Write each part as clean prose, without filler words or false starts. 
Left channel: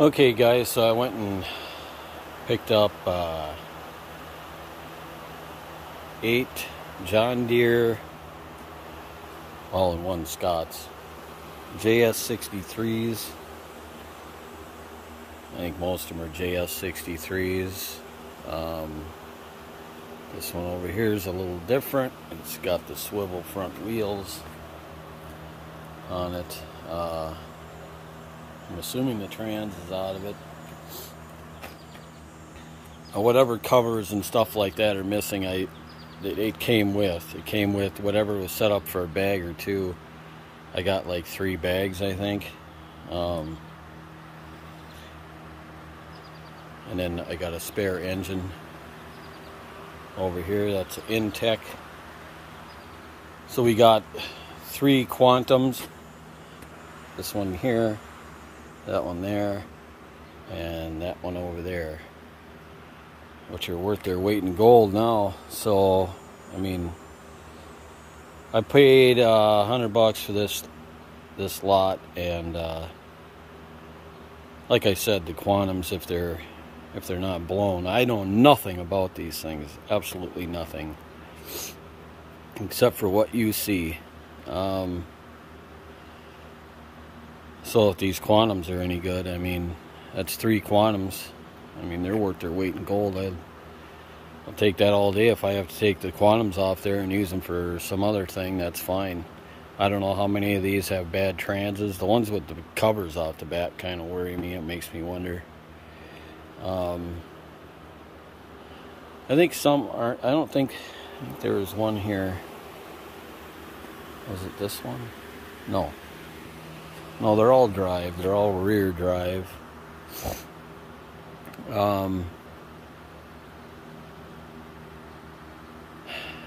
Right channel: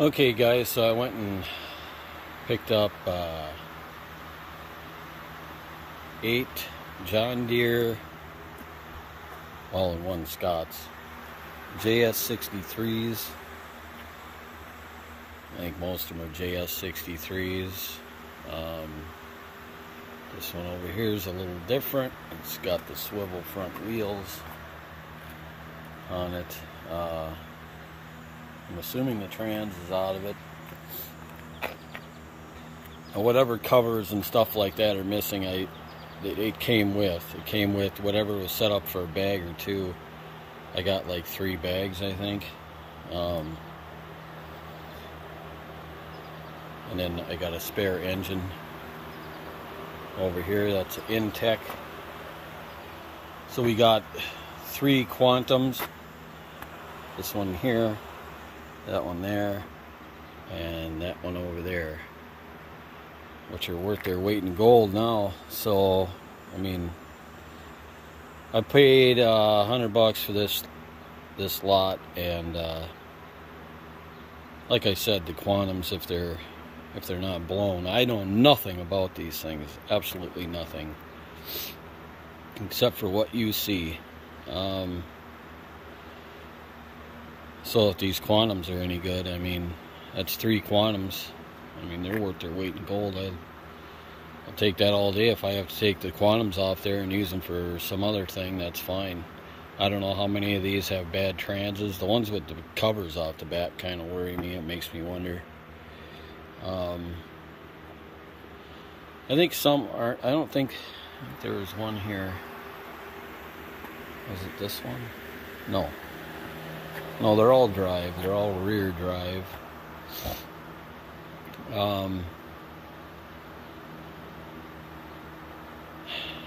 Okay guys, so I went and picked up 8 John Deere all-in-one Scots JS63s. I think most of them are JS63s. This one over here is a little different. It's got the swivel front wheels on it. I'm assuming the trans is out of it. Whatever covers and stuff like that are missing, it came with. It came with whatever was set up for a bag or two. I got like 3 bags, I think. And then I got a spare engine over here. That's Intech. So we got 3 Quantums. This one here, that one there, and that one over there, which are worth their weight in gold now. So, I mean, I paid $100 for this lot, and like I said, the Quantums, if they're not blown, I know nothing about these things, absolutely nothing, except for what you see. So if these Quantums are any good, I mean, that's 3 Quantums. I mean, they're worth their weight in gold. I'll take that all day. If I have to take the Quantums off there and use them for some other thing, that's fine. I don't know how many of these have bad transes. The ones with the covers off the back kind of worry me. It makes me wonder. I think some aren't. I think there was one here. Was it this one? No. No, they're all drive. They're all rear drive.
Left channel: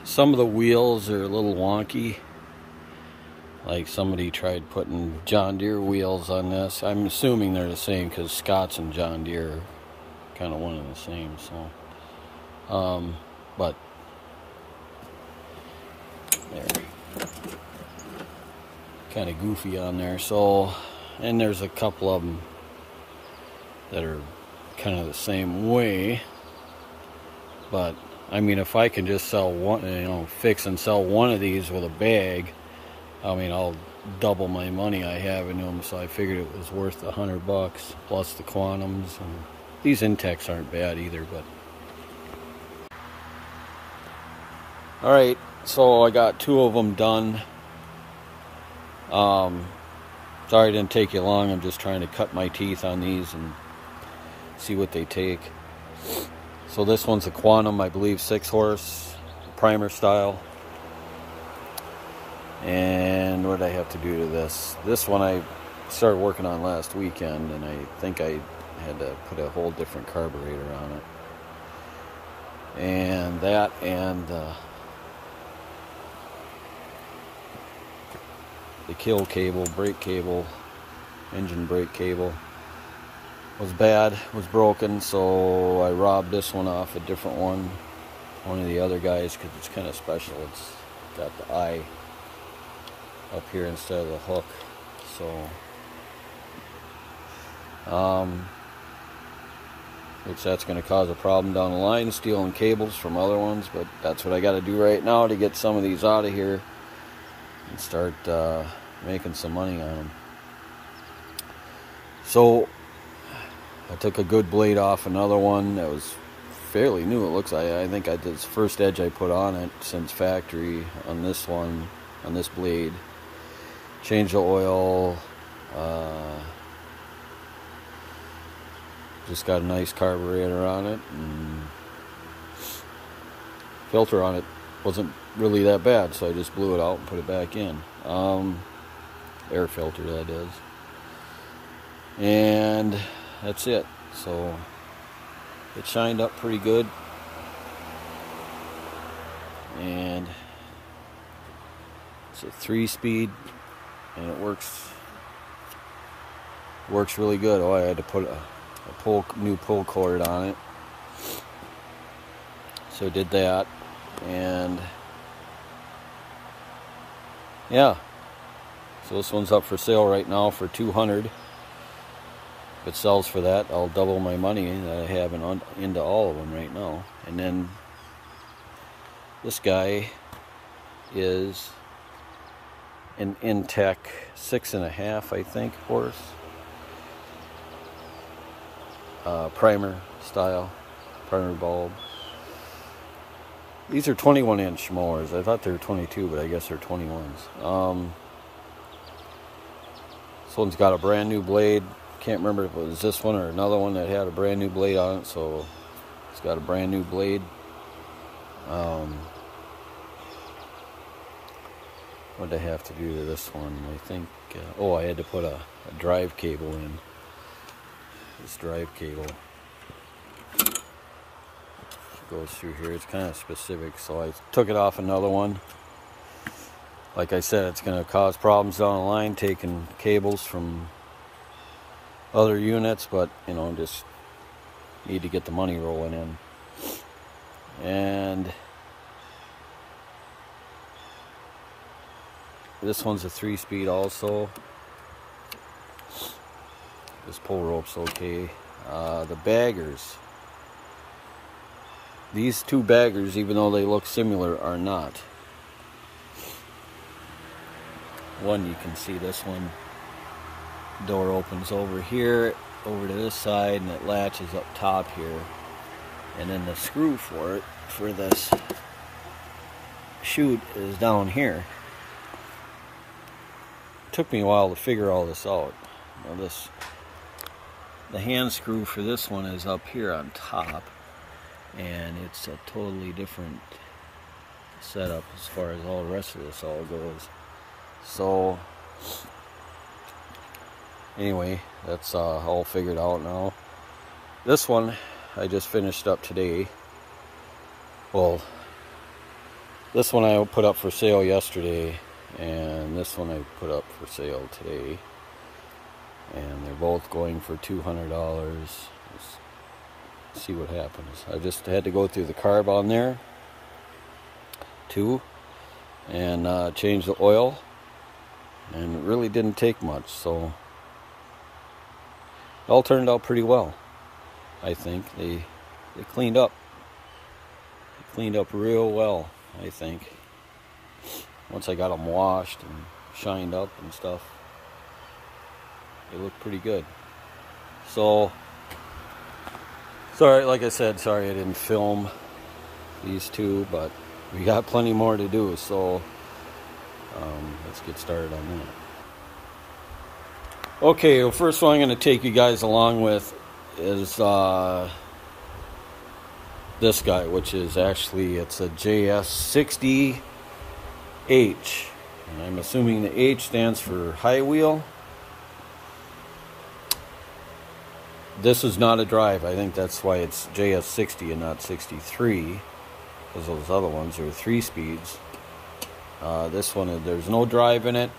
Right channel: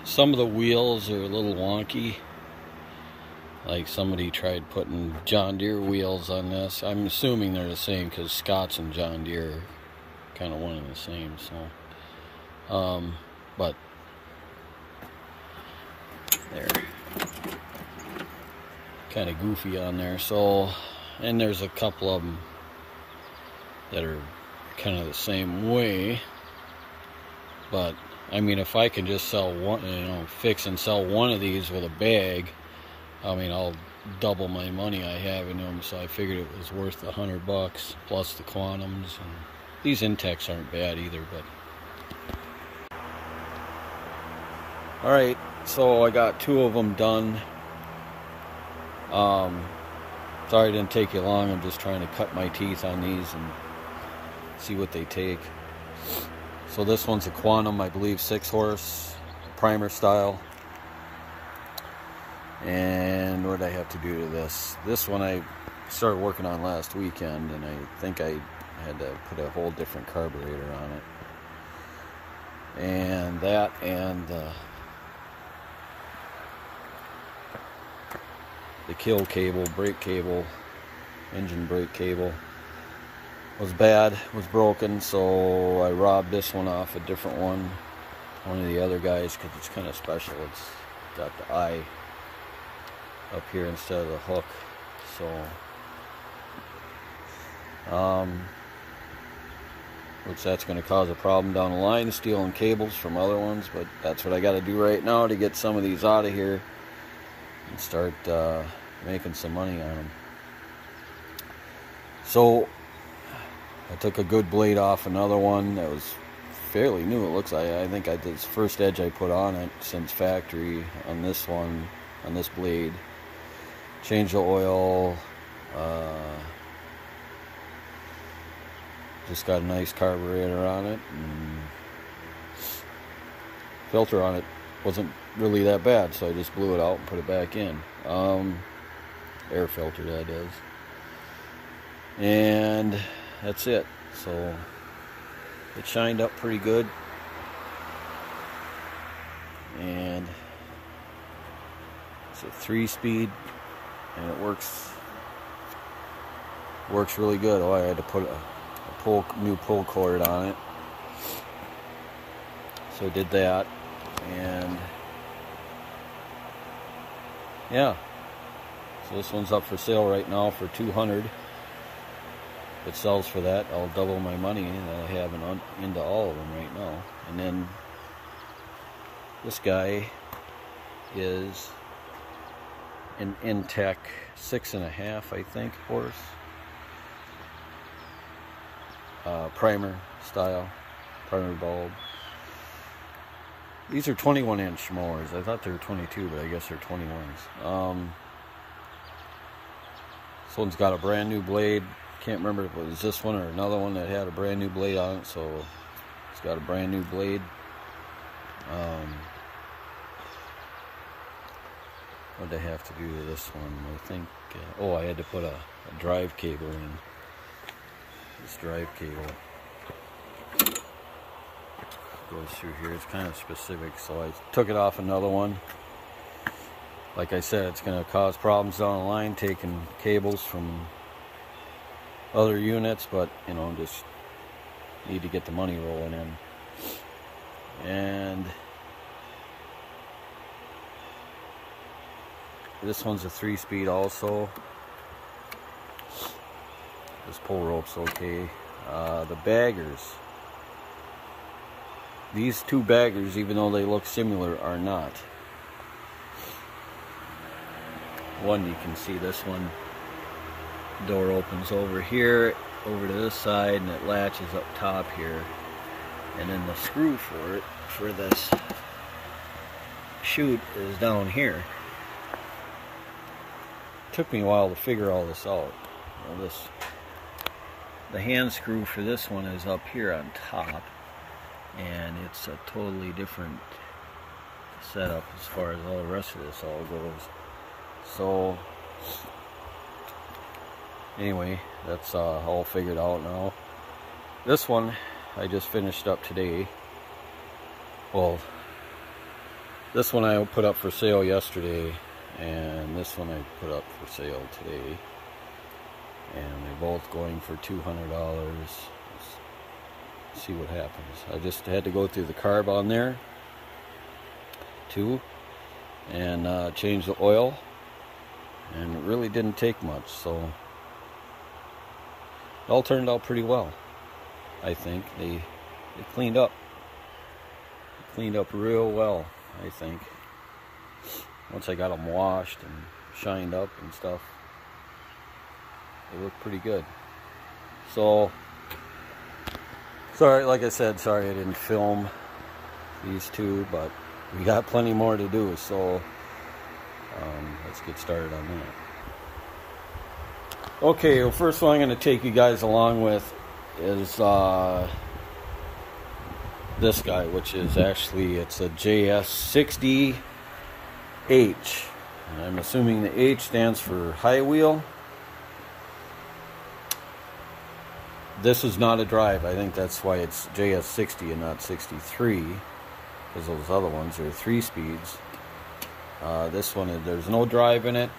Some of the wheels are a little wonky. Like somebody tried putting John Deere wheels on this. I'm assuming they're the same because Scots and John Deere are kind of one and the same. So, but they're kind of goofy on there. So, and there's a couple of them that are kind of the same way. But I mean, if I can just sell one, fix and sell one of these with a bag, I mean, I'll double my money I have in them. So I figured it was worth $100 plus the Quantums, and these Intechs aren't bad either. But all right, so I got 2 of them done. Sorry it didn't take you long. I'm just trying to cut my teeth on these and see what they take. So this one's a Quantum, I believe 6-horse, primer style. And what did I have to do to this? This one I started working on last weekend, and I think I had to put a whole different carburetor on it. And that, and the kill cable, brake cable, engine brake cable was bad, was broken, so I robbed this one off a different one of the other guys, because it's kind of special. It's got the eye up here instead of the hook. So which that's going to cause a problem down the line, stealing cables from other ones, but that's what I got to do right now to get some of these out of here and start making some money on them. So I took a good blade off another one that was fairly new. It looks like, I think this is the first edge I put on it since factory on this one, on this blade. Changed the oil. Just got a nice carburetor on it, and filter on it wasn't really that bad, so I just blew it out and put it back in. Air filter, that is. And that's it. So it shined up pretty good, and it's a 3-speed, and it works really good. Oh, I had to put a new pull cord on it, so I did that. And yeah, so this one's up for sale right now for $200. it sells for that, I'll double my money that I have into all of them right now. And then this guy is an Intech 6.5, I think, horse. Primer style, primer bulb. These are 21-inch mowers. I thought they were 22, but I guess they're 21s. This one's got a brand new blade. Can't remember if it was this one or another one that had a brand new blade on it, so it's got a brand new blade. What did I have to do to this one? I think, oh, I had to put a drive cable in. This drive cable goes through here. It's kind of specific, so I took it off another one. Like I said, it's going to cause problems down the line taking cables from other units, but you know, just need to get the money rolling in. And this one's a 3-speed also. This pull rope's okay. The baggers, these two baggers, even though they look similar, are not. One, you can see this one, door opens over here, over to this side, and it latches up top here. And then the screw for it, for this chute, is down here. It took me a while to figure all this out. Now the hand screw for this one is up here on top, and it's a totally different setup as far as all the rest of this all goes. So anyway, that's all figured out now. This one I just finished up today. Well, this one I put up for sale yesterday, and this one I put up for sale today. And they're both going for $200. Let's see what happens. I just had to go through the carb on there too, and change the oil, and it really didn't take much, so it all turned out pretty well. I think they cleaned up. They cleaned up real well, I think. Once I got them washed and shined up and stuff, they look pretty good. So, sorry, like I said, sorry I didn't film these two, but we got plenty more to do, so let's get started on that. Okay, well, first one I'm going to take you guys along with is this guy, which is actually, it's a JS60H, and I'm assuming the H stands for high wheel. This is not a drive. I think that's why it's JS60 and not 63, because those other ones are 3 speeds. This one, there's no drive in it.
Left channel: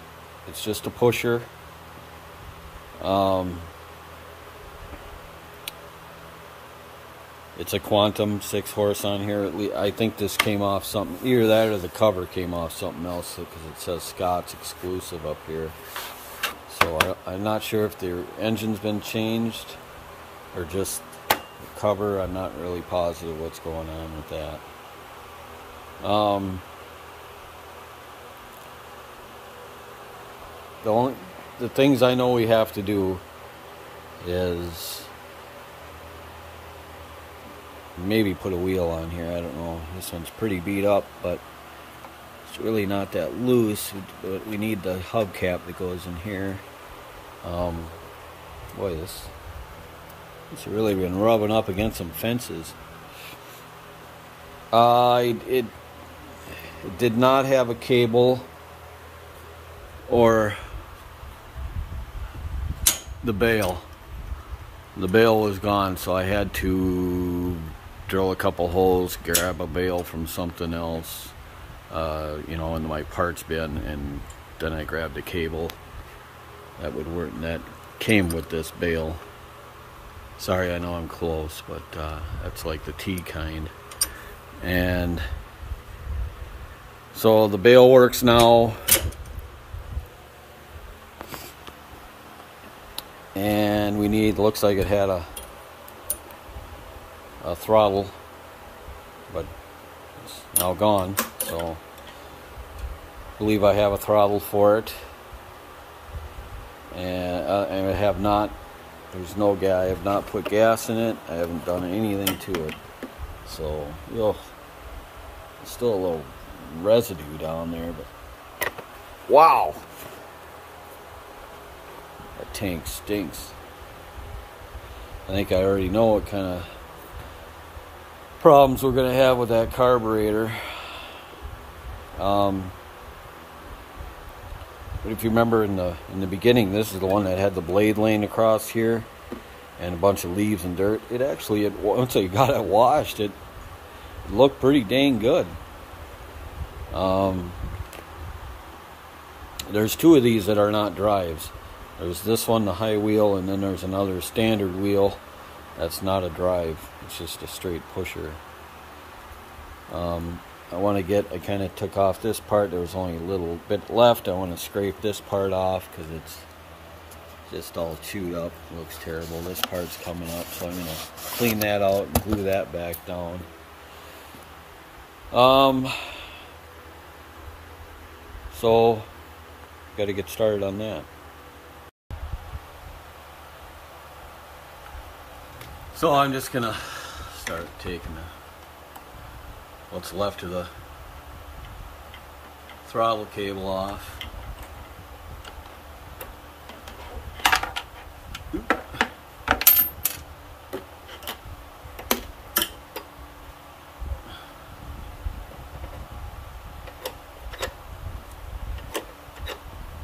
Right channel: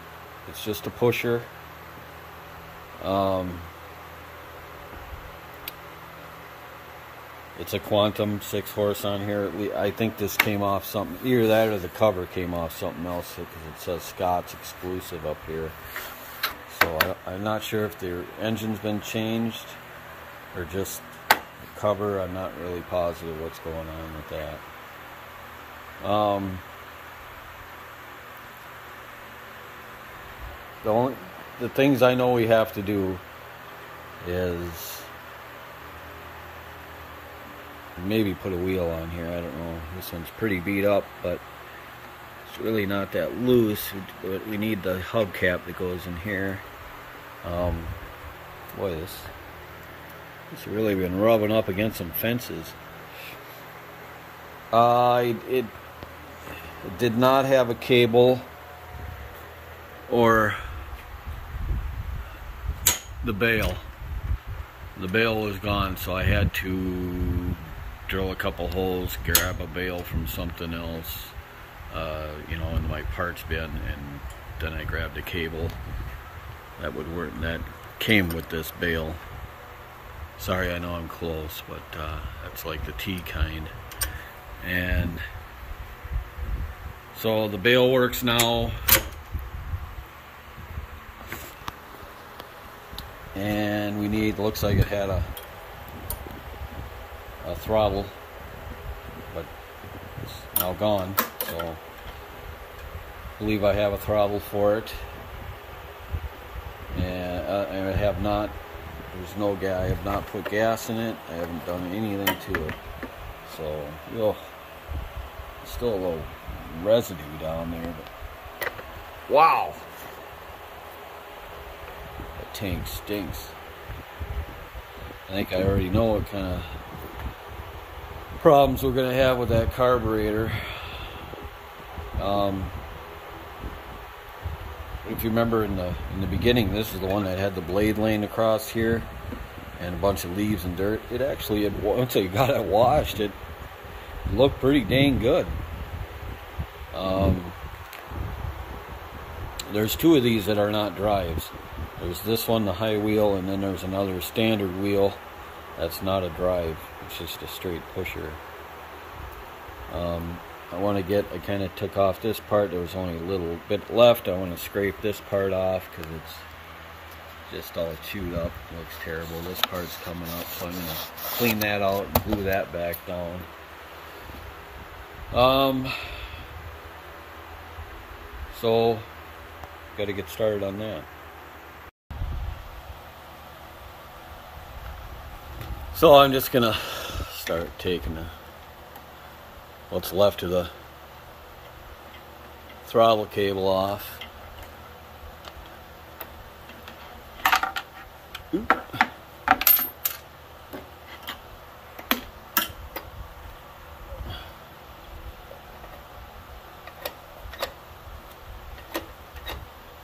It's just a pusher. It's a Quantum 6 horse on here. I think this came off something, either that or the cover came off something else, because it says Scott's exclusive up here. So I'm not sure if the engine's been changed or just the cover. I'm not really positive what's going on with that. The things I know we have to do is maybe put a wheel on here. I don't know. This one's pretty beat up, but it's really not that loose. But we need the hubcap that goes in here. Boy, this really been rubbing up against some fences. It did not have a cable or the bale. The bale was gone, so I had to drill a couple holes, grab a bale from something else, you know, in my parts bin, and then I grabbed a cable that would work. That came with this bale. Sorry, I know I'm close, but that's like the T kind. And so the bale works now. And we need, looks like it had a throttle, but it's now gone. So I believe I have a throttle for it, and I have not. There's no gas. I have not put gas in it. I haven't done anything to it. So, ugh, still a little residue down there, but wow, that tank stinks. I think I already know what kind of problems we're going to have with that carburetor. But if you remember in the beginning, this is the one that had the blade laying across here and a bunch of leaves and dirt. It actually, once I got it washed, it looked pretty dang good. There's two of these that are not drives. There's this one, the high wheel, and then there's another standard wheel that's not a drive. It's just a straight pusher. I want to get, I kind of took off this part. There was only a little bit left. I want to scrape this part off because it's just all chewed up. It looks terrible. This part's coming up, so I'm going to clean that out and glue that back down. So, got to get started on that. So I'm just going to start taking what's left of the throttle cable off. Oop.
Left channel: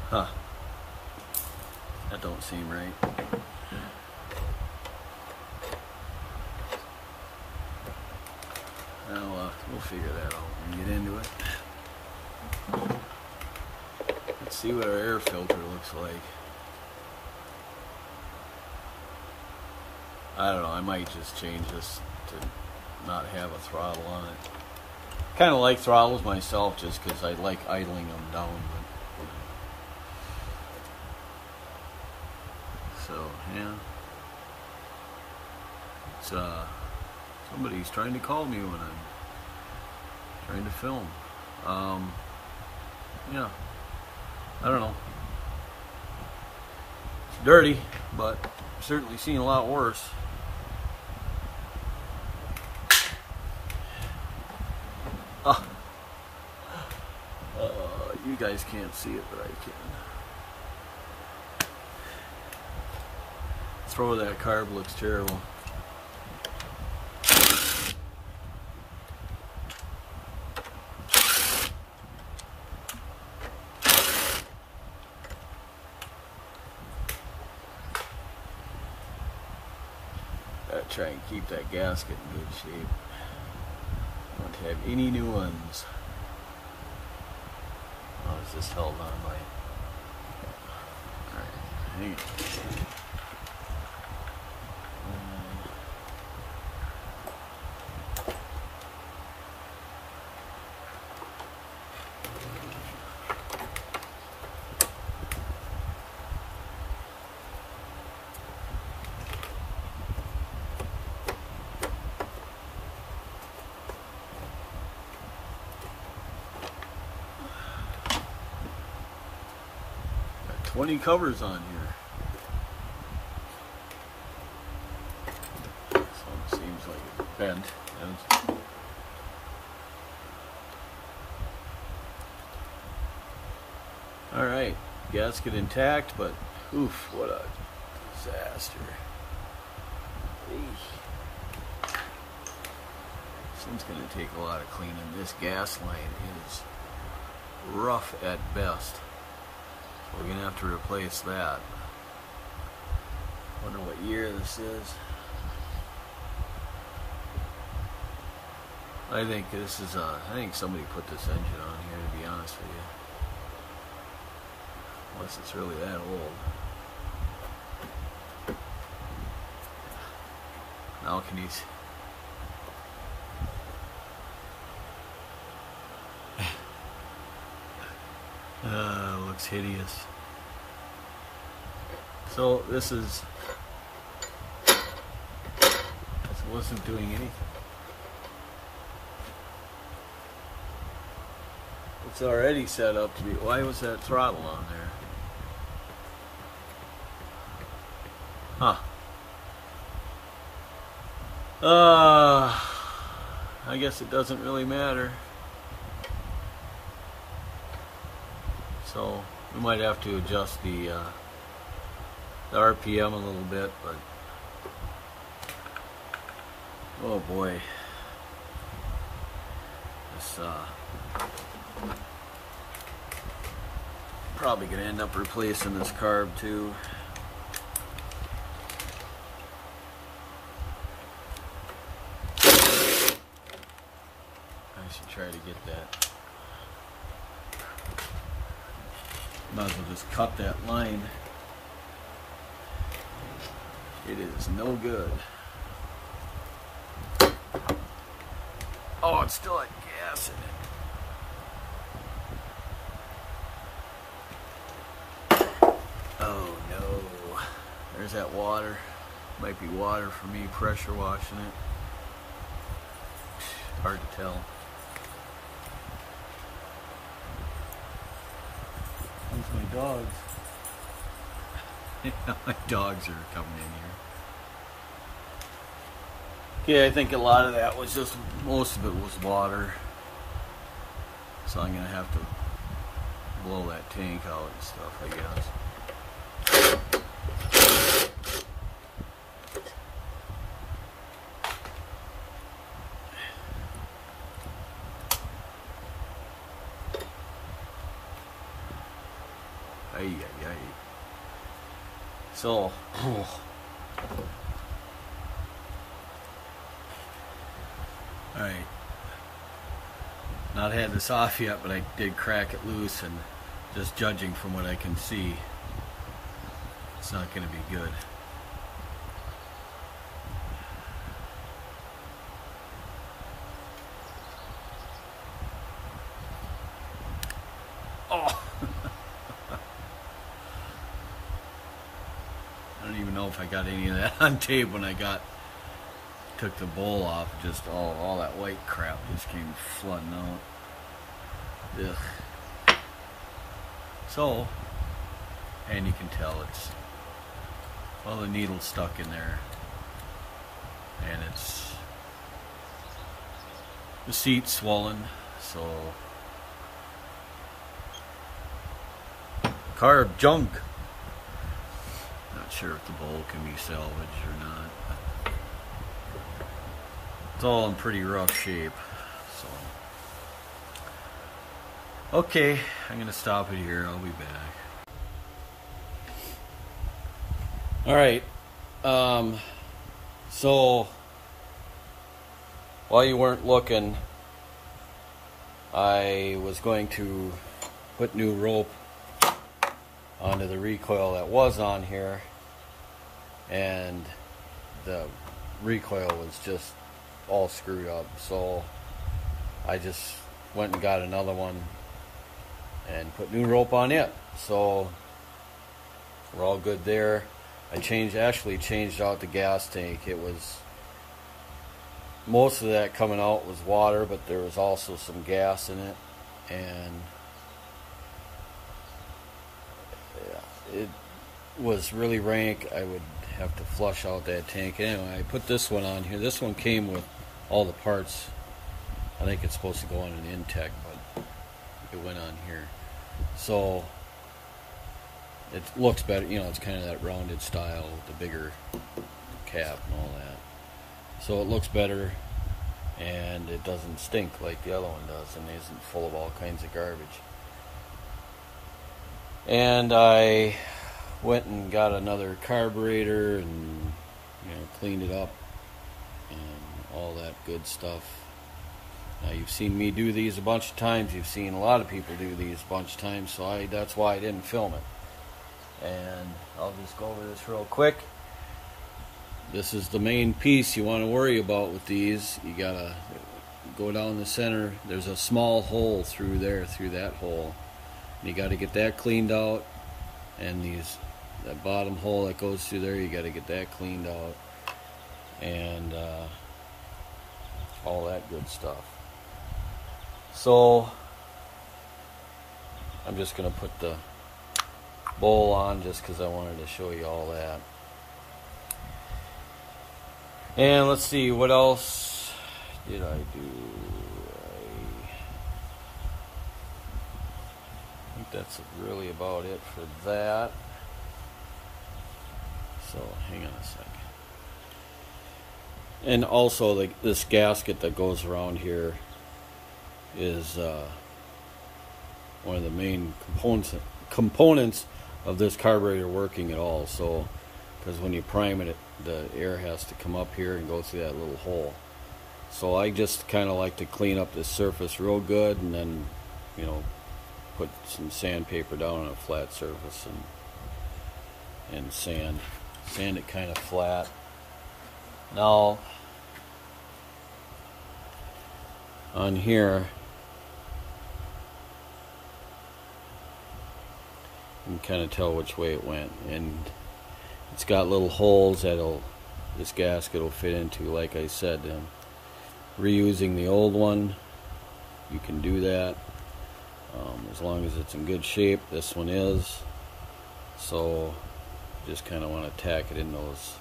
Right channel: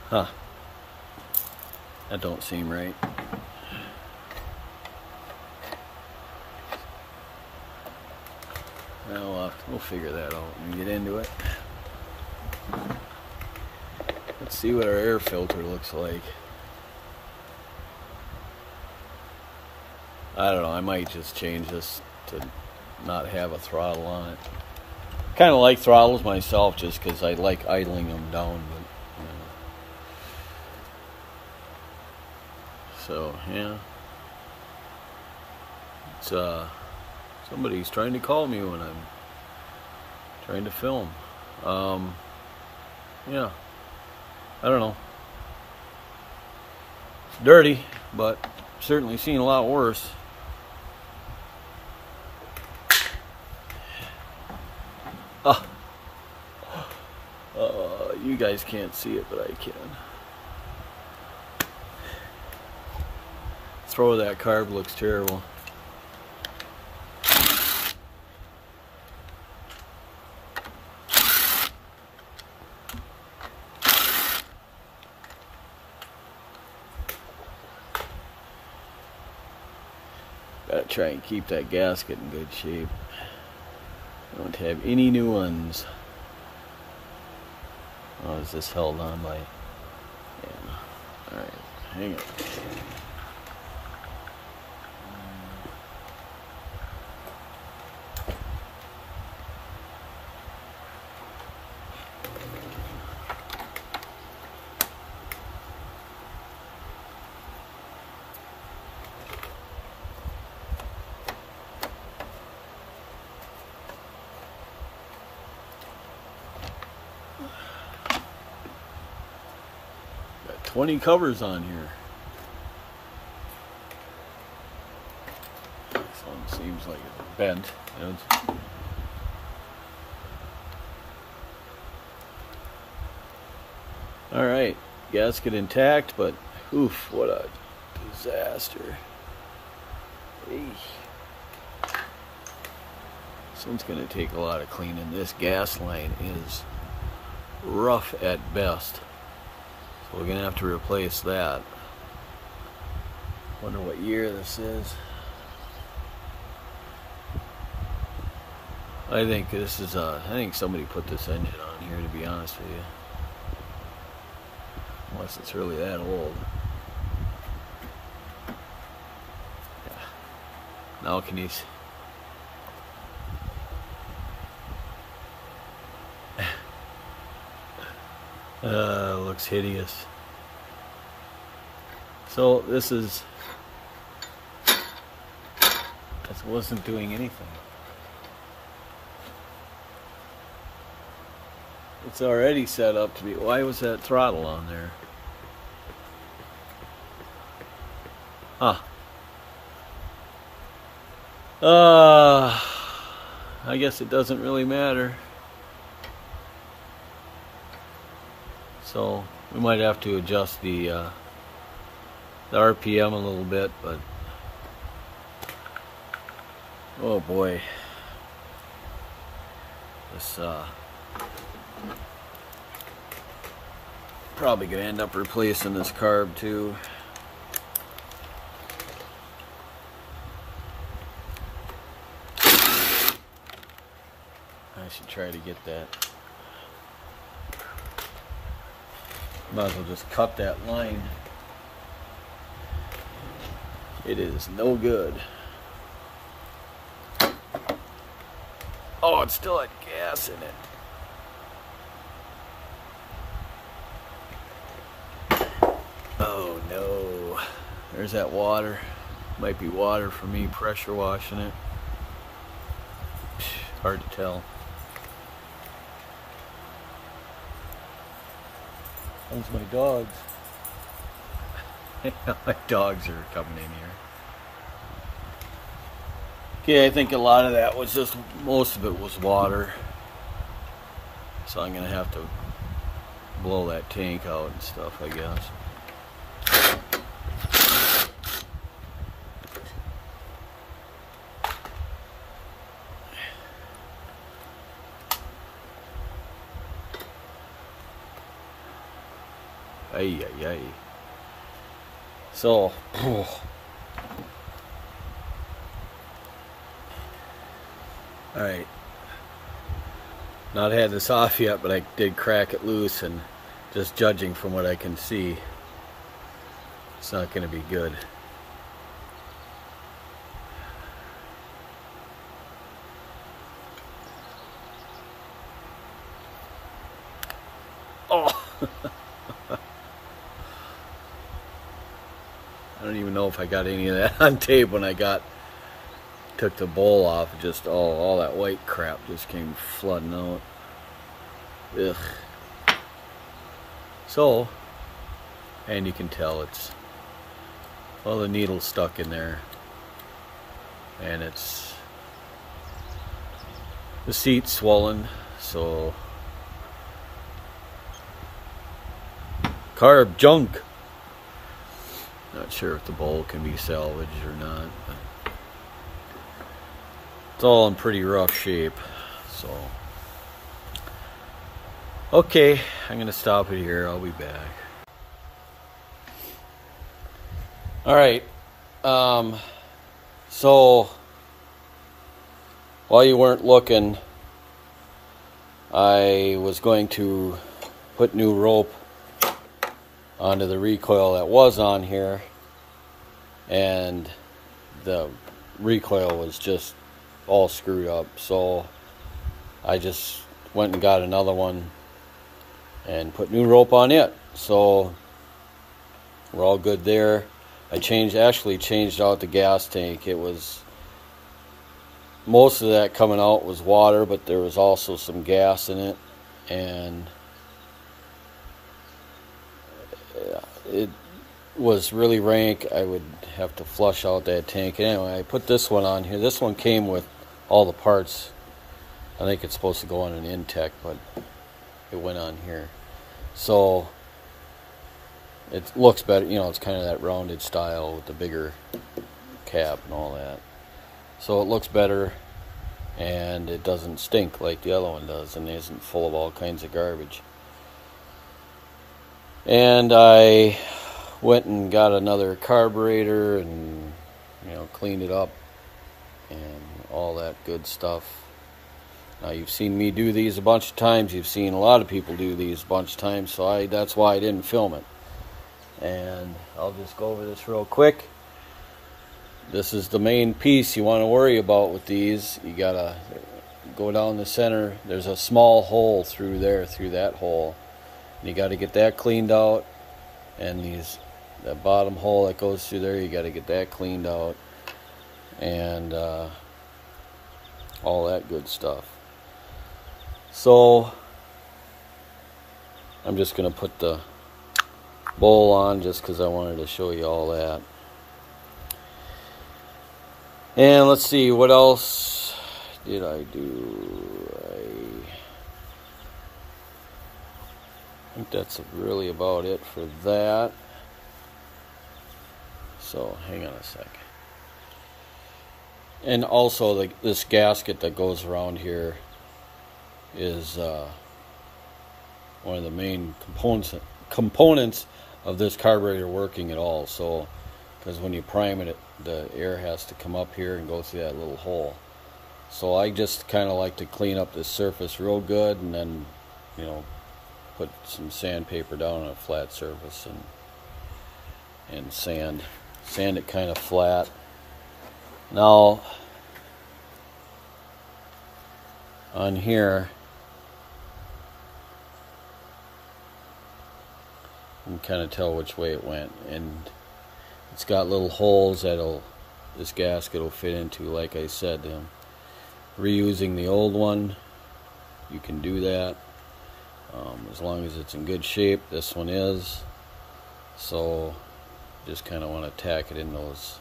Huh. That don't seem right. We'll figure that out when we get into it. Let's see what our air filter looks like. I don't know, I might just change this to not have a throttle on it. Kind of like throttles myself just because I like idling them down. But, so, yeah. It's, somebody's trying to call me when I'm trying to film. Yeah, I don't know. It's dirty, but certainly seen a lot worse. You guys can't see it, but I can. Throw of that carb looks terrible. Gotta try and keep that gasket in good shape. Don't have any new ones. Oh, is this held on by? Yeah. All right, hang on. 20 covers on here. Some seems like it's bent. Alright, gasket intact, but oof, what a disaster. Eesh. This thing's going to take a lot of cleaning. This gas line is rough at best. So we're going to have to replace that. Wonder what year this is. I think this is I think somebody put this engine on here, to be honest with you. Unless it's really that old. Now can you... looks hideous. So this wasn't doing anything. It's already set up to be. Why was that throttle on there? Huh. I guess it doesn't really matter. So we might have to adjust the RPM a little bit, but oh boy, this probably gonna end up replacing this carb too. I should try to get that. Might as well just cut that line. It is no good. Oh, it's still had gas in it. Oh no. There's that water. Might be water for me pressure washing it. Hard to tell. There's my dogs. My dogs are coming in here. Okay, I think a lot of that was just, most of it was water. So I'm gonna have to blow that tank out and stuff, I guess. Ay, ay, ay. So, alright. Not had this off yet, but I did crack it loose, and just judging from what I can see, it's not going to be good. Oh! I don't even know if I got any of that on tape when I took the bowl off. Just all that white crap just came flooding out. Ugh. So, and you can tell it's, well, the needle's stuck in there, and the seat's swollen, so carb junk. Not sure if the bowl can be salvaged or not, but it's all in pretty rough shape. So, okay, I'm going to stop it here. I'll be back. All right. So, while you weren't looking, I was going to put new rope onto the recoil that was on here, and the recoil was just all screwed up, so I just went and got another one and put new rope on it. So we're all good there. I actually changed out the gas tank. It was, most of that coming out was water, but there was also some gas in it, and it was really rank. I would have to flush out that tank. Anyway, I put this one on here. This one came with all the parts. I think it's supposed to go on an Intech, but it went on here. So it looks better. You know, it's kind of that rounded style with the bigger cap and all that. So it looks better, and it doesn't stink like the other one does, and it isn't full of all kinds of garbage. And I went and got another carburetor and, you know, cleaned it up and all that good stuff. Now, you've seen me do these a bunch of times. You've seen a lot of people do these a bunch of times, so that's why I didn't film it. And I'll just go over this real quick. This is the main piece you want to worry about with these. You gotta go down the center. There's a small hole through there, through that hole. You got to get that cleaned out, and these that bottom hole that goes through there, you got to get that cleaned out, and all that good stuff. So I'm just going to put the bowl on just because I wanted to show you all that. And let's see, what else did I do? I think that's really about it for that. So hang on a second. And also this gasket that goes around here is one of the main components of this carburetor working at all. So because when you prime it, the air has to come up here and go through that little hole. So I just kind of like to clean up this surface real good, and then, you know, put some sandpaper down on a flat surface and sand it kind of flat. Now on here you can kind of tell which way it went, and it's got little holes that this gasket will fit into. Like I said, reusing the old one, you can do that as long as it's in good shape. This one is, so just kind of want to tack it in those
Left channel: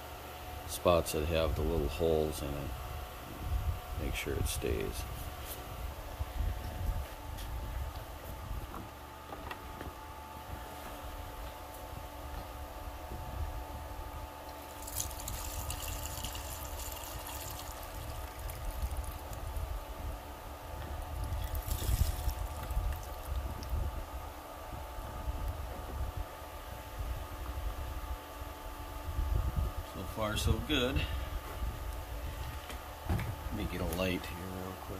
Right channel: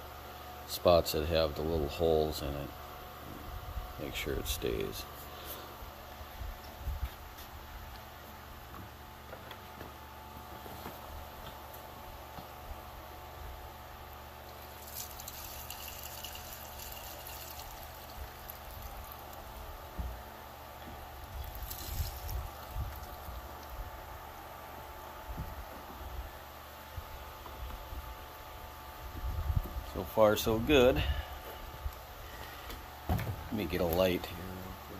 spots that have the little holes in it, make sure it stays. So far, so good. Let me get a light here real quick.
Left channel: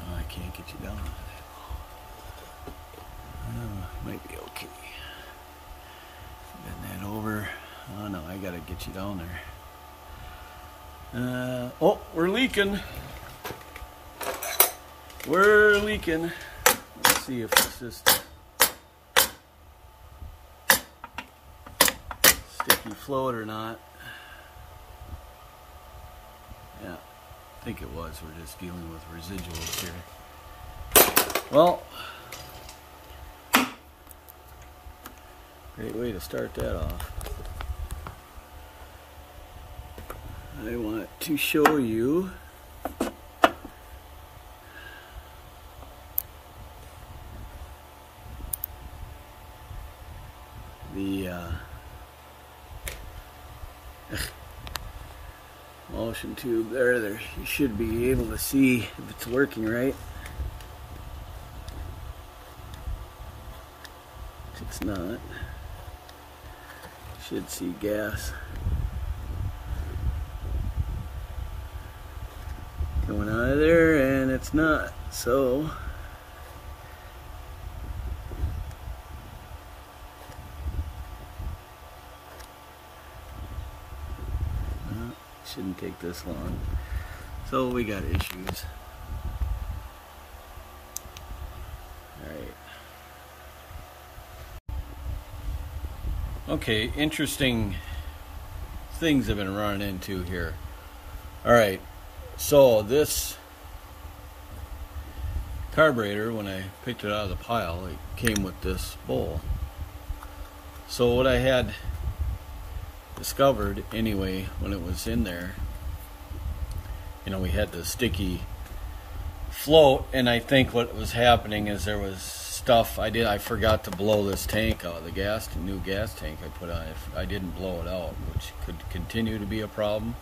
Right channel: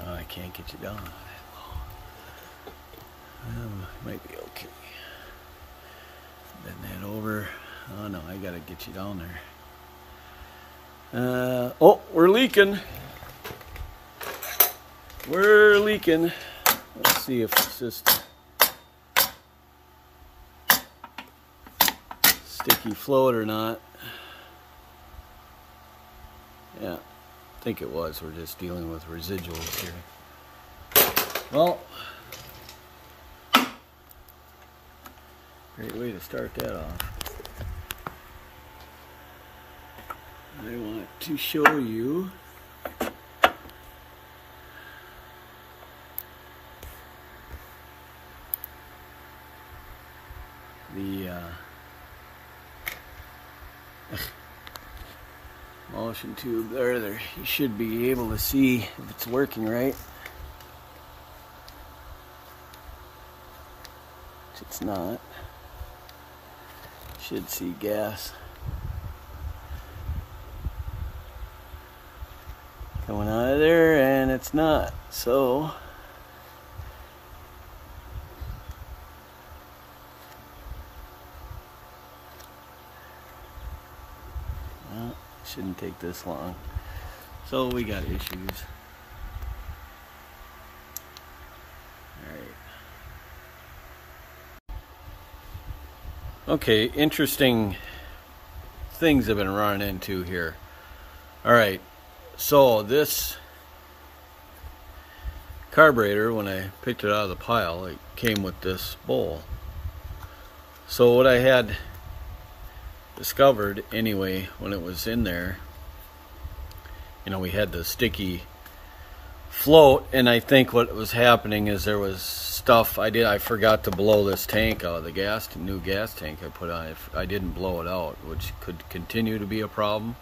Oh, I can't get you down. Might be okay. Bend that over. Oh no, I gotta get you down there. Oh, we're leaking. We're leaking. Let's see if it's just sticky float or not. Yeah, I think it was. We're just dealing with residuals here. Well, great way to start that off. I want to show you the motion tube there. You should be able to see if it's working right. If it's not, you should see gas coming out of there, and it's not. So shouldn't take this long. So we got issues. All right. Okay, interesting things I've been running into here. All right. So this carburetor, when I picked it out of the pile, it came with this bowl. So what I had discovered anyway when it was in there, you know, we had the sticky float, and I think what was happening is there was stuff I forgot to blow this tank out, the new gas tank I put on. I didn't blow it out, which could continue to be a problem.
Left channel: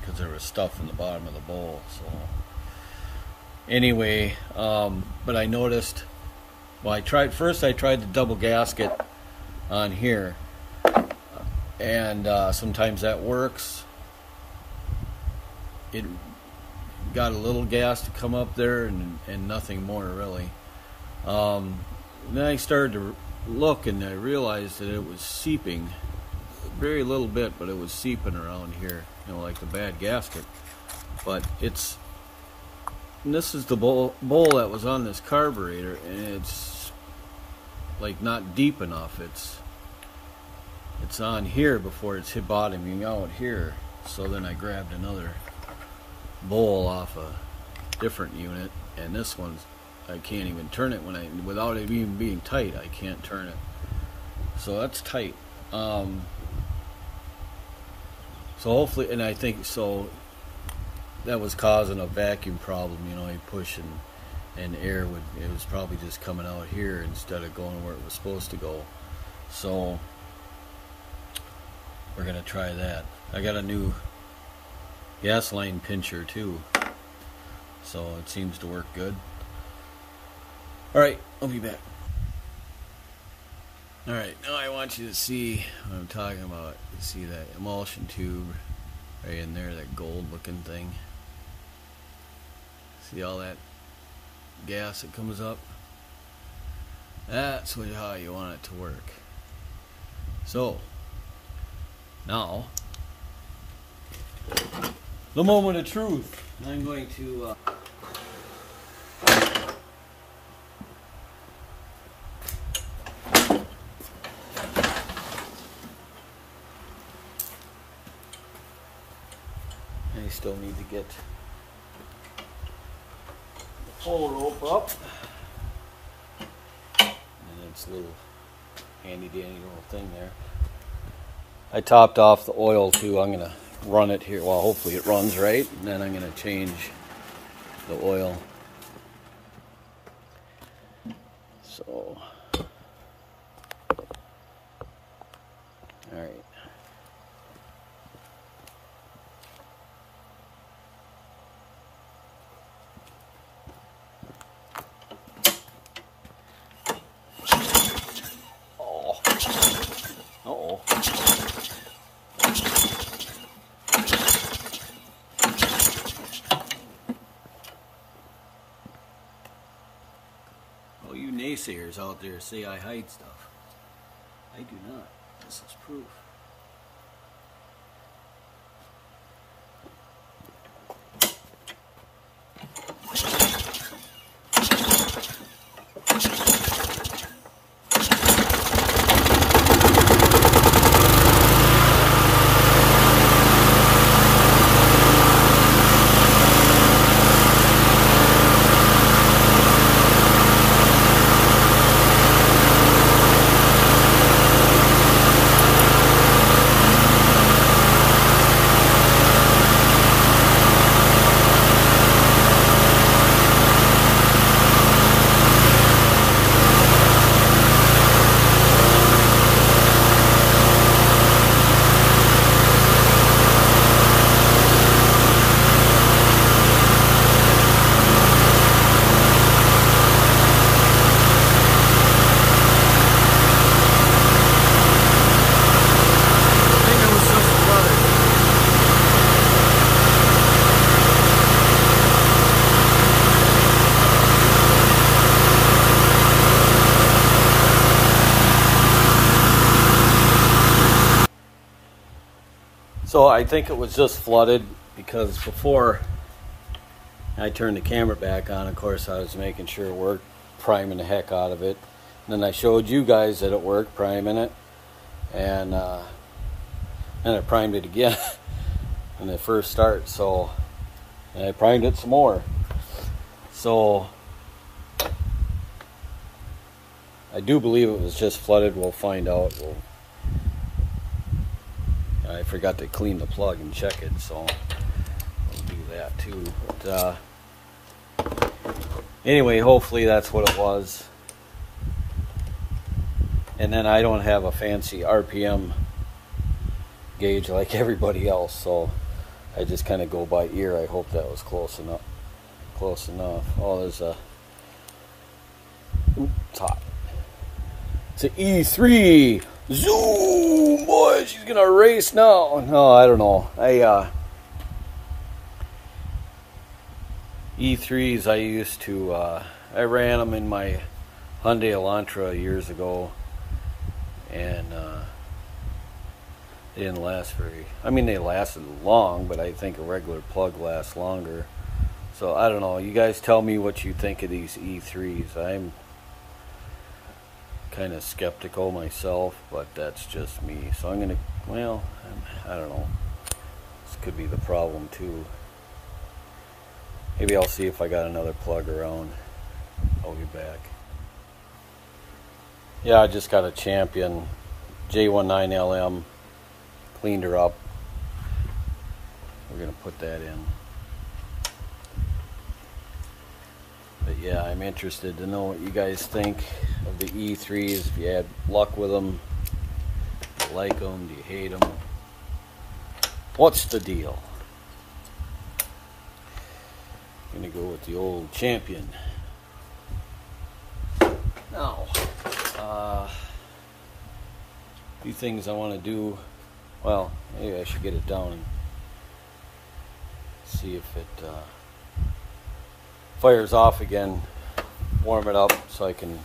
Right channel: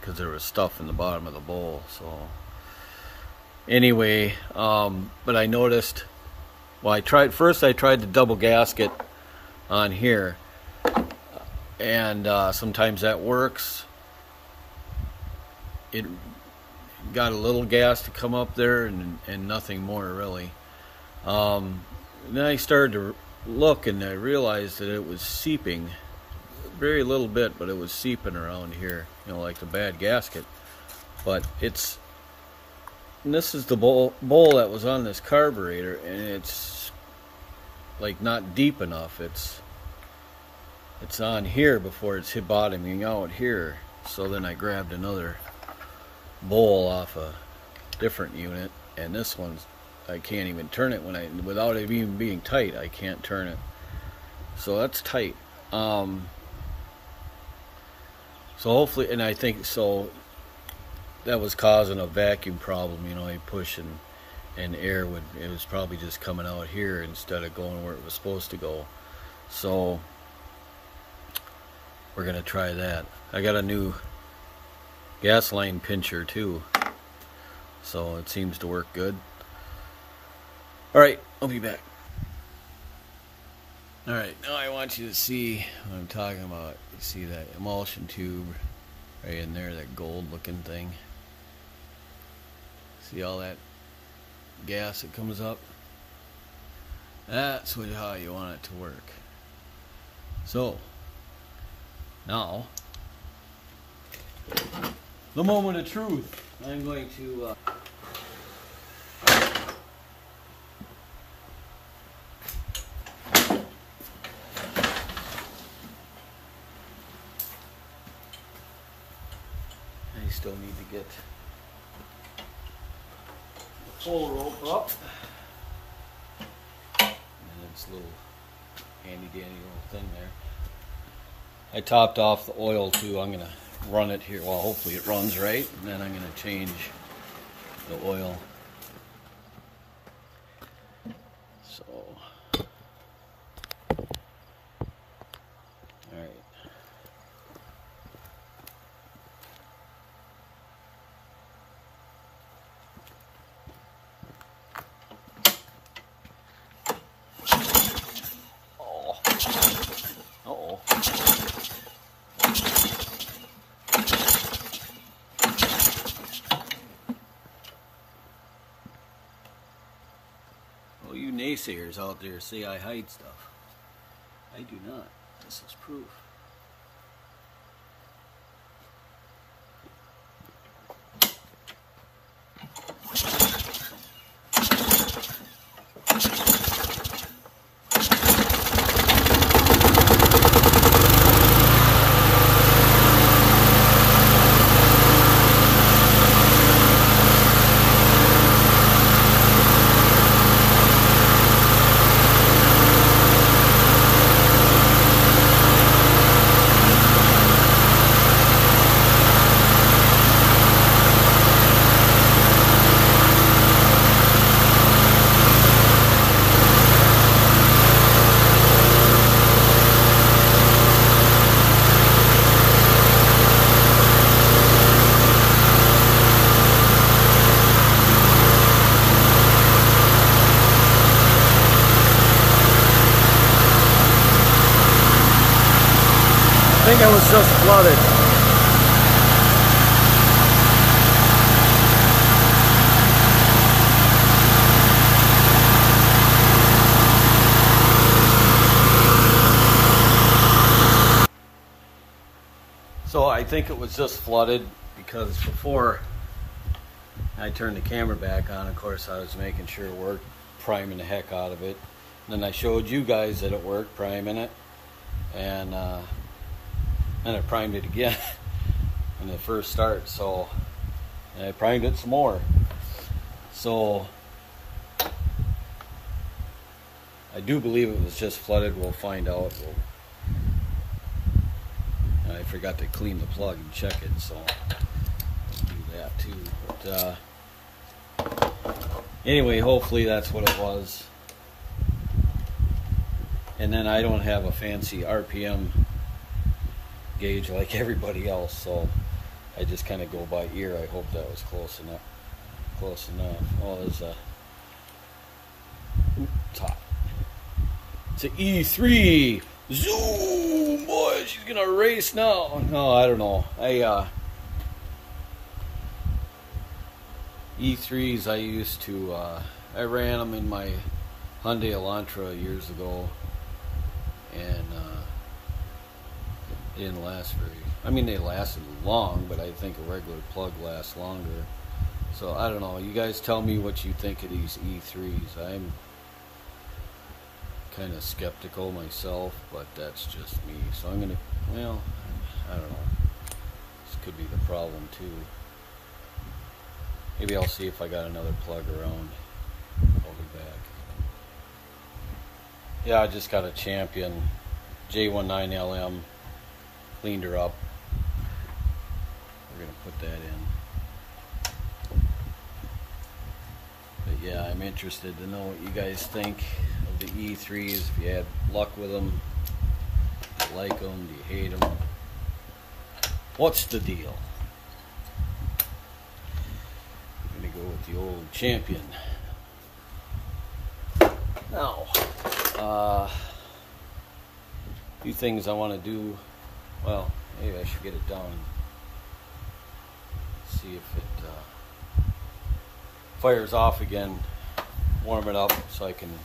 Because there was stuff in the bottom of the bowl. So anyway, but I noticed, well, I tried the double gasket on here, and sometimes that works. It got a little gas to come up there, and nothing more really. then I started to look, and I realized that it was seeping, very little bit, but it was seeping around here, you know, like a bad gasket. But it's, and this is the bowl that was on this carburetor, and it's like not deep enough. It's on here before it's hit bottoming out here. So then I grabbed another bowl off a different unit, and this one's, I can't even turn it without it even being tight. I can't turn it. So that's tight. So hopefully, and I think so that was causing a vacuum problem, you know, you push and air would, it was probably just coming out here instead of going where it was supposed to go. So we're gonna try that. I got a new gas line pincher too, so it seems to work good. Alright, I'll be back. Alright, now I want you to see what I'm talking about. You see that emulsion tube right in there, that gold looking thing? See all that gas that comes up? That's how you want it to work. So, now, the moment of truth. I'm going to I still need to get the pole rope up, and it's a little handy dandy little thing there. I topped off the oil too. I'm gonna run it here. Well, hopefully it runs right, and then I'm gonna change the oil. So, all right. Oh, you naysayers out there say I hide stuff. I do not. This is proof. So I think it was just flooded because before I turned the camera back on, of course, I was making sure it worked, priming the heck out of it. And then I showed you guys that it worked, priming it, and I primed it again in the first start. So, and I primed it some more. So I do believe it was just flooded. We'll find out. I forgot to clean the plug and check it, so I'll do that too. But anyway, hopefully that's what it was. And then I don't have a fancy RPM gauge like everybody else, so I just kind of go by ear. I hope that was close enough. Close enough. Oh, there's a... It's hot. It's an E3. Zoom, boy, she's gonna race now. No, I don't know. E3s I used to, I ran them in my Hyundai Elantra years ago, and they didn't last very, I mean, they lasted long, but I think a regular plug lasts longer. So I don't know, you guys tell me what you think of these E3s. I'm kind of skeptical myself, but that's just me. So I'm gonna, well, I don't know, this could be the problem too. Maybe I'll see if I got another plug around. I'll be back. Yeah, I just got a Champion J19LM, cleaned her up. We're gonna put that in. But yeah, I'm interested to know what you guys think of the E3s. If you had luck with them, do you like them, do you hate them? What's the deal? I'm gonna go with the old Champion. Now, a few things I want to do. Well, maybe I should get it down and see if it fires off again. Warm it up so I can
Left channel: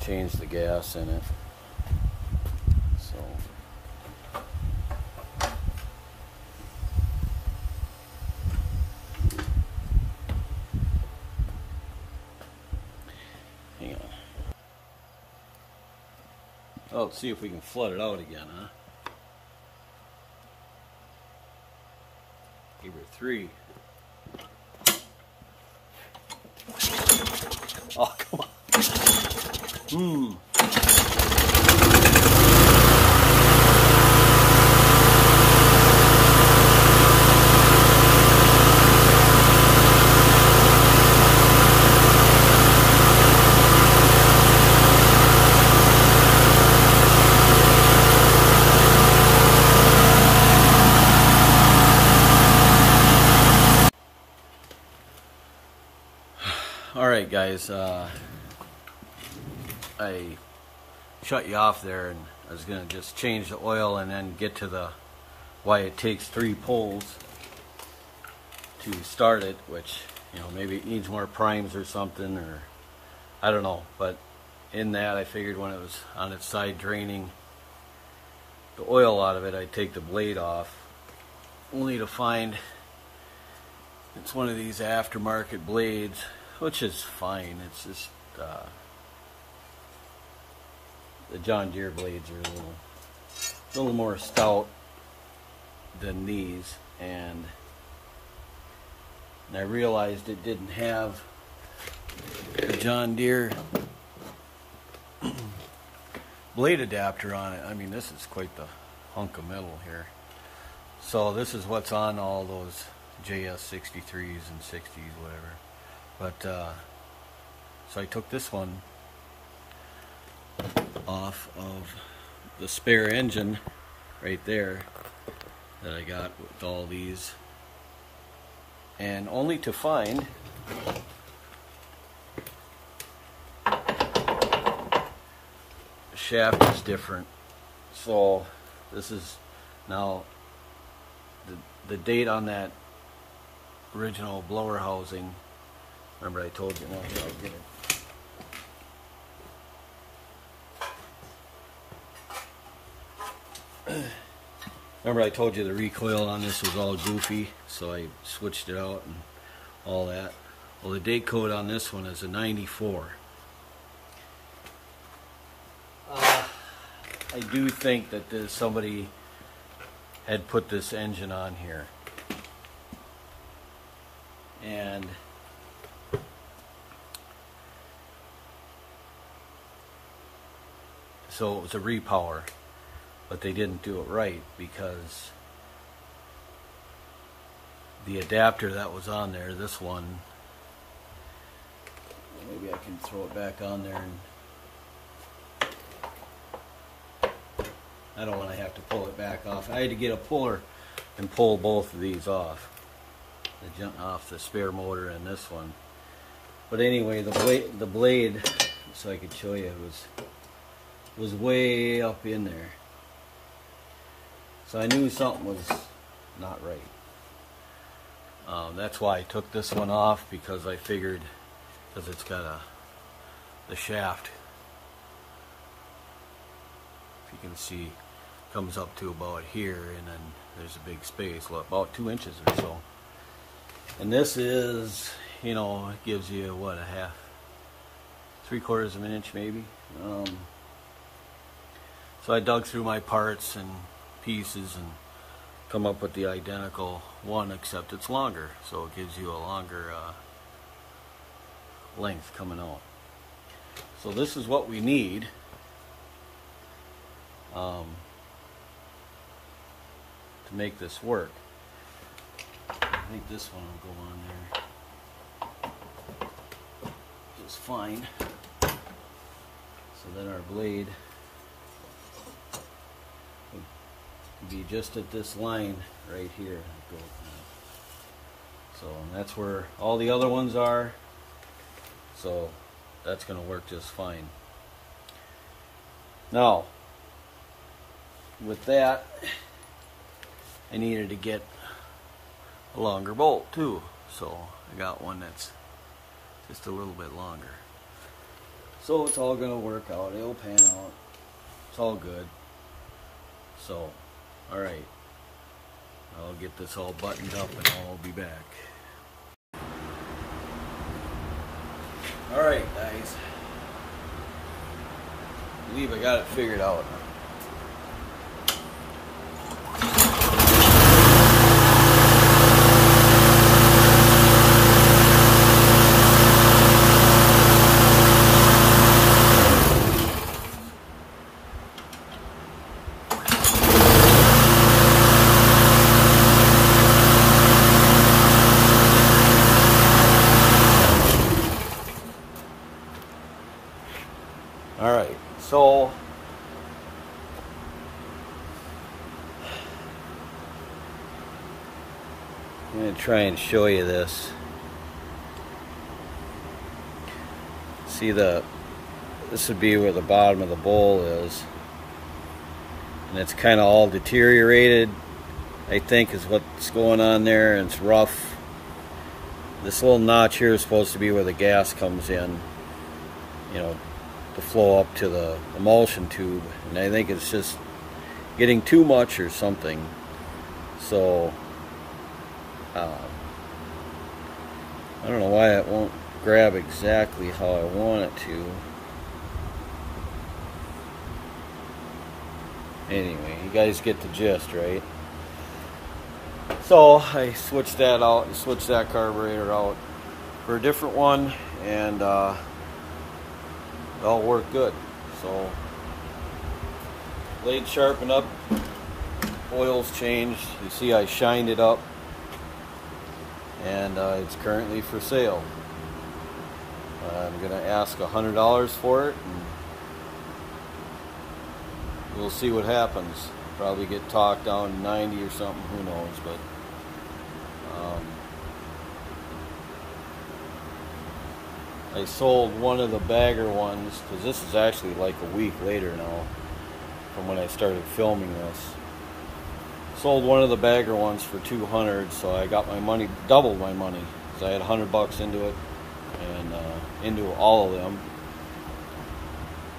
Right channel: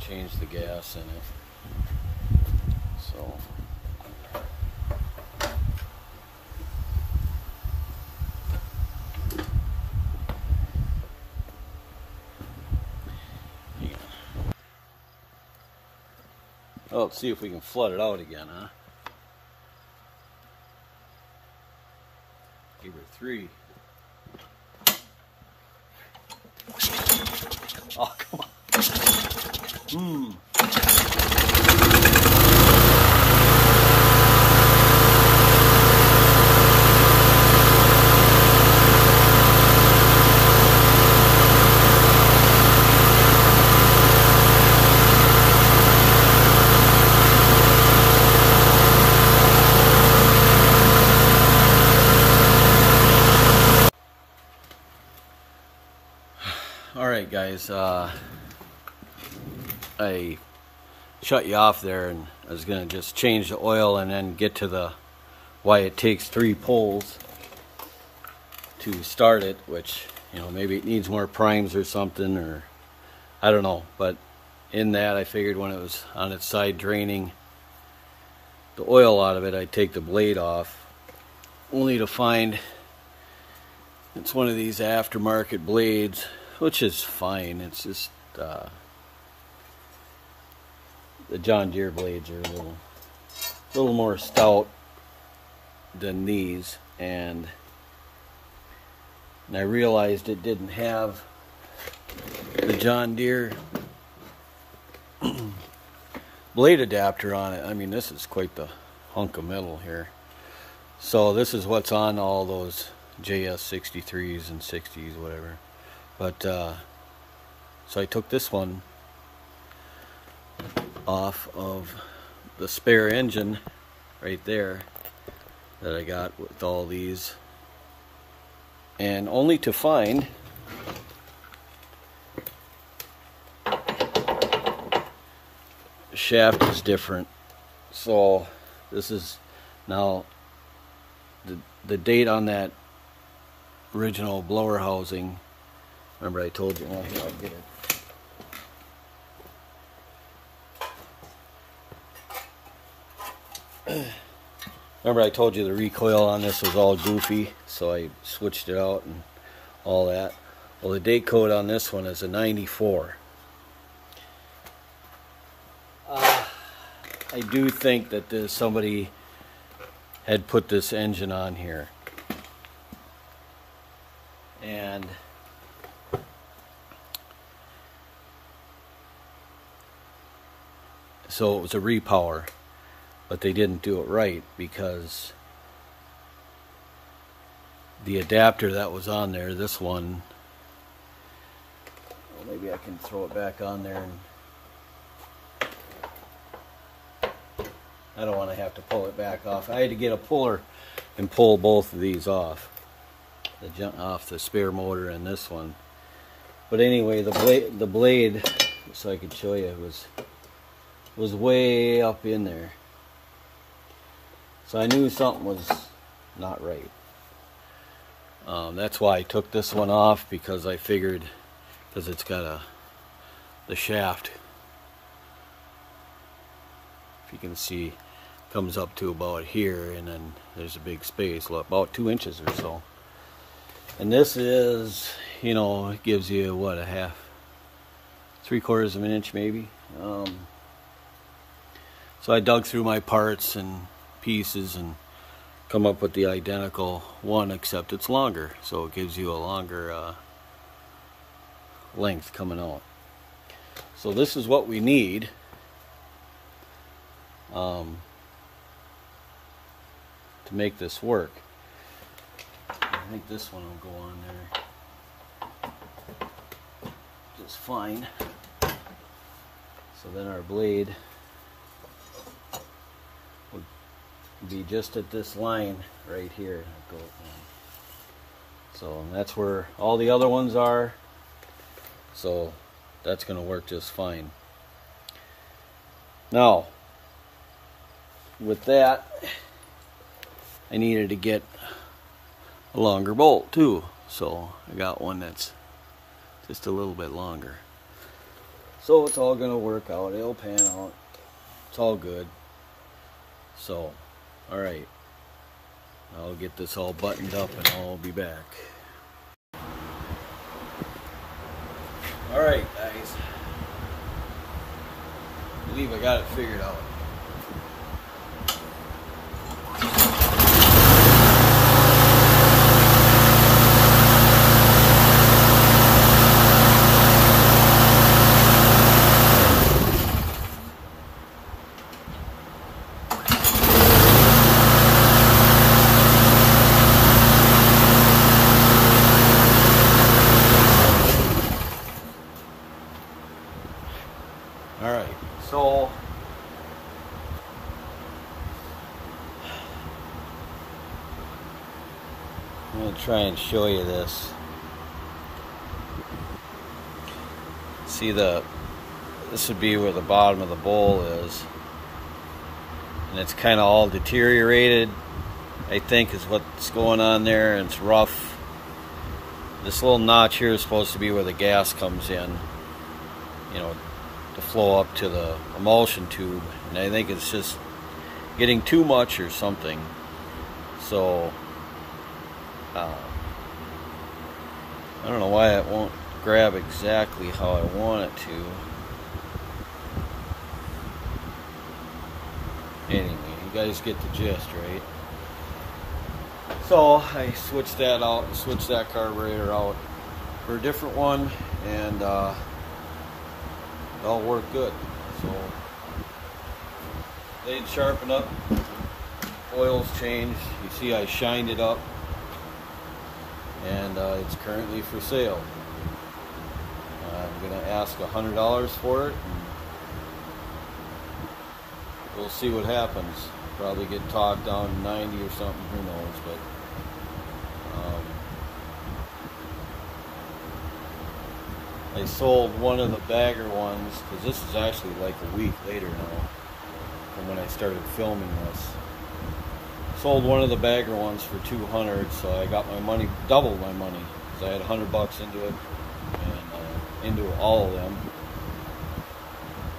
change the gas in it. So yeah. Well, let's see if we can flood it out again, huh? Give her 3. Oh, come on. Alright guys, I shut you off there, and I was going to just change the oil and then get to the why it takes 3 pulls to start it, which, you know, maybe it needs more primes or something, or I don't know. But in that, I figured when it was on its side draining the oil out of it, I'd take the blade off, only to find it's one of these aftermarket blades, which is fine. It's just the John Deere blades are a little more stout than these, and I realized it didn't have the John Deere blade adapter on it. I mean, this is quite the hunk of metal here. So this is what's on all those JS63s and 60s, whatever. But so I took this one off of the spare engine right there that I got with all these, and only to find the shaft is different. So this is now the date on that original blower housing. Remember I told you, now if I get it. Remember I told you the recoil on this was all goofy, so I switched it out and all that. Well, the date code on this one is a 94. I do think that somebody had put this engine on here, and so it was a repower, but they didn't do it right, because the adapter that was on there, this one, well, maybe I can throw it back on there, and I don't want to have to pull it back off. I had to get a puller and pull both of these off, off the spare motor and this one. But anyway, the blade, so I could show you, was way up in there. So I knew something was not right. That's why I took this one off, because I figured, because it's got a the shaft. If you can see, comes up to about here, and then there's a big space, about 2 inches or so. And this is, you know, it gives you what, a half, 3/4 of an inch maybe. So I dug through my parts and pieces and come up with the identical one, except it's longer, so it gives you a longer length coming out. So this is what we need. To make this work. I think this one will go on there just fine. So then our blade will be just at this line right here. So that's where all the other ones are. So that's going to work just fine. Now, with that, I needed to get a longer bolt too, so I got one that's just a little bit longer. So it's all going to work out, it'll pan out, it's all good. So, alright, I'll get this all buttoned up and I'll be back. Alright guys, I believe I got it figured out. Alright, so I'm going to try and show you this. See, this would be where the bottom of the bowl is, and it's kind of all deteriorated, I think, is what's going on there, and it's rough. This little notch here is supposed to be where the gas comes in, you know, to flow up to the emulsion tube, and I think it's just getting too much or something. So I don't know why it won't grab exactly how I want it to. Anyway, you guys get the gist, right? So I switched that out and switched that carburetor out for a different one, and it all worked good. So blade sharpened up, oil's changed. You see I shined it up, and it's currently for sale. I'm going to ask $100 for it, and we'll see what happens. Probably get talked down to 90 or something, who knows, but I sold one of the bagger ones, because this is actually like a week later now from when I started filming this. Sold one of the bagger ones for $200, so I got my money, doubled my money, because I had $100 into it, and into all of them.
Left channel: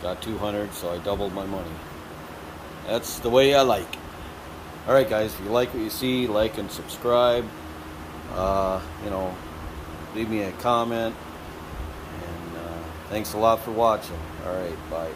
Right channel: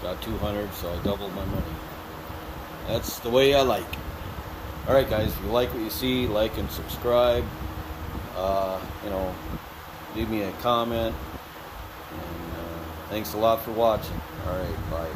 Got $200, so I doubled my money. That's the way I like. Alright guys, if you like what you see, like and subscribe. You know, leave me a comment. And thanks a lot for watching. Alright, bye.